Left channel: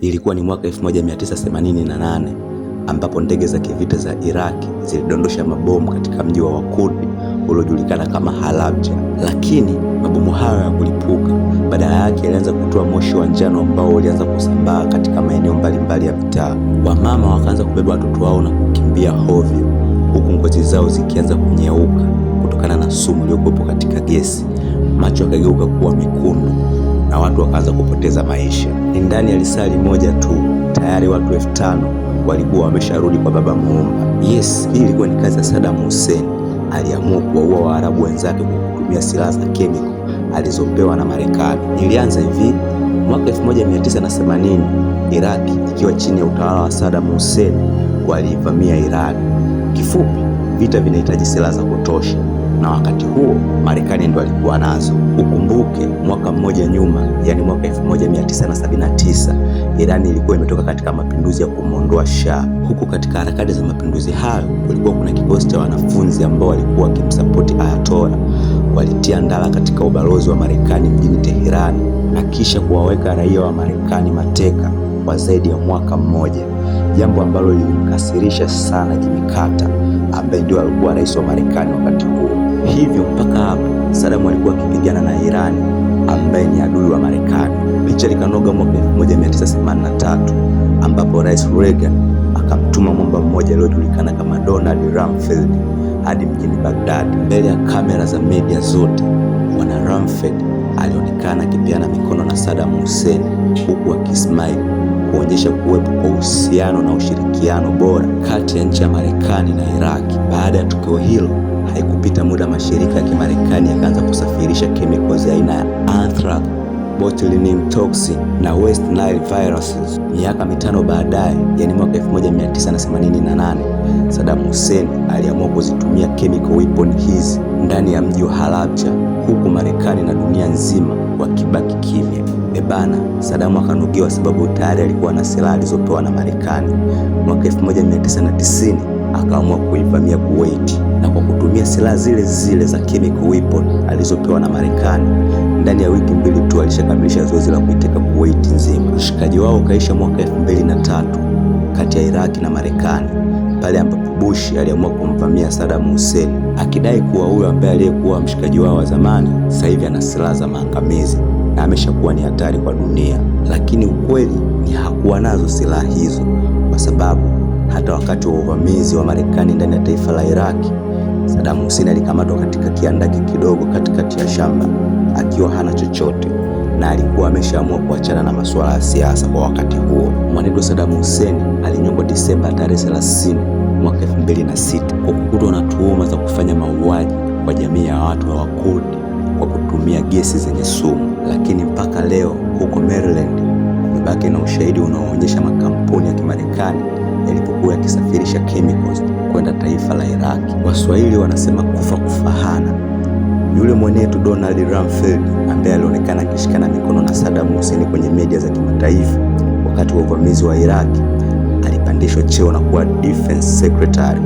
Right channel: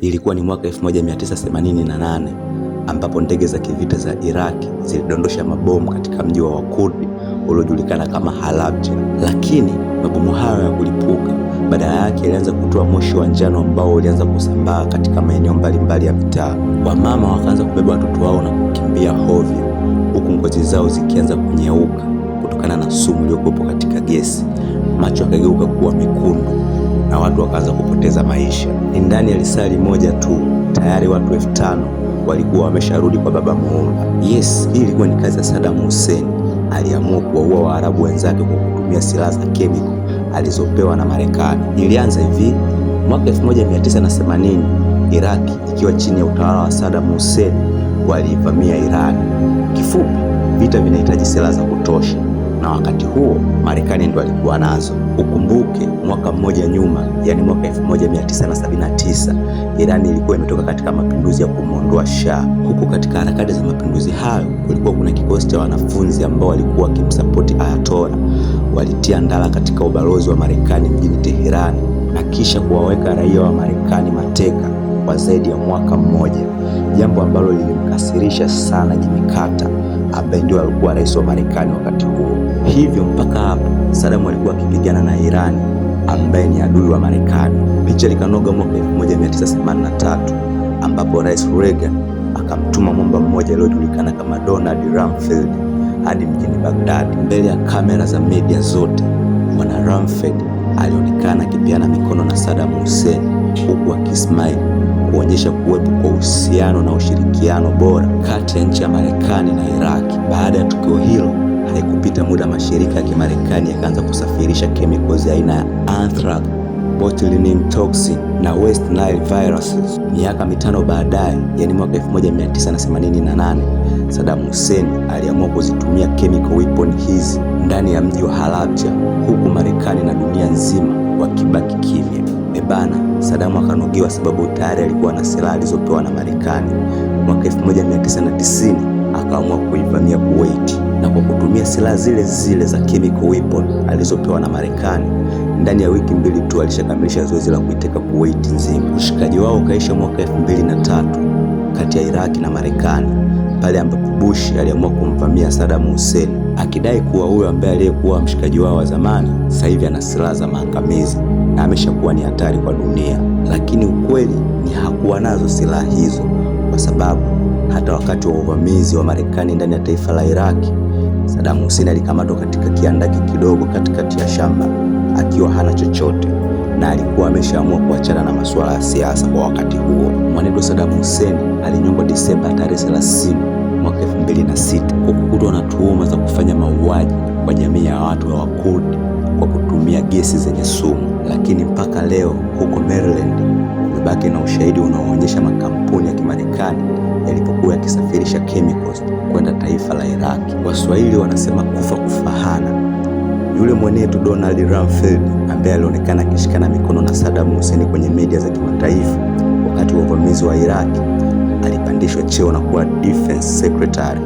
Ilikuwa ni mwaka 1988 ambapo ndege za kivita za Iraki zilidondosha mabomu katika mji wa Wakurdi uliojulikana kama Halabja. Lakini mabomu hayo ya kulipuka, badala yake yalianza kutoa moshi wa njano ambao ulianza kusambaa katika maeneo mbalimbali ya mitaa. Wamama wakaanza kubeba watoto wao na kukimbia hovyo, huku ngozi zao zikianza kunyeuka kutokana na sumu iliyokuwepo katika gesi. Macho yakageuka kuwa mekundu na watu wakaanza kupoteza maisha. Ni ndani ya lisali moja tu tayari watu 5,000 walikuwa wamesharudi kwa Baba Muumba. Yes, hii ilikuwa ni kazi ya Saddam Hussein. Aliamua kuwaua Waarabu wenzake kwa kutumia silaha za kemiko alizopewa na Marekani. Ilianza hivi: mwaka 1980 Iraki ikiwa chini ya utawala wa Saddam Hussein waliivamia Iran. Kifupi, vita vinahitaji silaha za kutosha, na wakati huo Marekani ndo alikuwa nazo. Ukumbuke mwaka mmoja nyuma, yani mwaka 1979, Iran ilikuwa imetoka katika mapinduzi ya kumwondoa Shah. Huku katika harakati za mapinduzi hayo kulikuwa kuna kikosi cha wanafunzi ambao walikuwa wakimsapoti Ayatollah. Walitia ndala katika ubalozi wa Marekani mjini Teherani na kisha kuwaweka raia wa Marekani mateka kwa zaidi ya mwaka mmoja, jambo ambalo lilimkasirisha sana Jimmy Carter ambaye ndio alikuwa rais wa Marekani wakati huo. Hivyo mpaka hapo Saddam alikuwa akipigana na Iran ambaye ni adui wa Marekani. Picha likanoga mwaka 1983 ambapo Rais Reagan akamtuma mwamba mmoja aliyojulikana kama Donald Rumsfeld hadi mjini Baghdad. Mbele ya kamera za media zote, bwana Rumsfeld alionekana akipeana mikono na Saddam Hussein huku akismile kuonyesha kuwepo kwa uhusiano na ushirikiano bora kati ya nchi ya Marekani na Iraki. Baada ya tukio hilo, haikupita muda mashirika ya Kimarekani yakaanza kusafirisha chemicals aina ya anthrax, botulinum toxin na West Nile viruses. Miaka 5 baadaye, yani mwaka 1988, Saddam Hussein aliamua kuzitumia chemical weapon hizi ndani ya mji wa Halabja, huku Marekani na dunia nzima wakibaki kimya. Ebana, Saddam akanogewa sababu tayari alikuwa na silaha alizopewa na Marekani. Mwaka 1990 akaamua kuivamia Kuwait, na kwa kutumia silaha zile zile za chemical weapon alizopewa na Marekani, ndani ya wiki 2 tu alishakamilisha zoezi la kuiteka Kuwait nzima. Ushikaji wao ukaisha mwaka 2003 kati ya Iraki na Marekani, pale ambapo Bush aliamua kumvamia Saddam Hussein akidai kuwa huyo ambaye aliyekuwa mshikaji wao wa zamani sasa hivi ana silaha za maangamizi na ameshakuwa ni hatari kwa dunia. Lakini ukweli ni hakuwa nazo silaha hizo, kwa sababu hata wakati wa uvamizi wa Marekani ndani ya taifa la Iraki, Saddam Hussein alikamatwa katika kiandaki kidogo katikati ya shamba akiwa hana chochote, na alikuwa ameshaamua kuachana na masuala ya siasa kwa wakati huo. Mwanetu Saddam Hussein alinyongwa Disemba tarehe 30 mwaka 2006 kwa kukutwa na tuhuma za kufanya mauaji kwa jamii ya watu wa Wakurdi kwa kutumia gesi zenye sumu. Lakini mpaka leo huko Maryland kumebaki na ushahidi unaoonyesha makampuni ya Kimarekani yalipokuwa yakisafirisha chemicals kwenda taifa la Iraki. Waswahili wanasema kufa kufahana. Yule mwenetu Donald Rumsfeld ambaye alionekana akishikana mikono na Saddam Hussein kwenye media za kimataifa wakati wa uvamizi wa Iraki, alipandishwa cheo na kuwa defense secretary,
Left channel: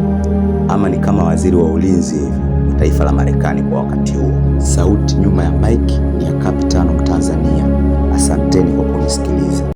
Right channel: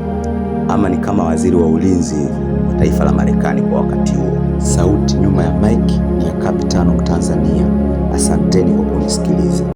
ama ni kama waziri wa ulinzi hivi wa taifa la Marekani kwa wakati huo. Sauti nyuma ya mic ni ya Kapitano Mtanzania. Asanteni kwa kunisikiliza.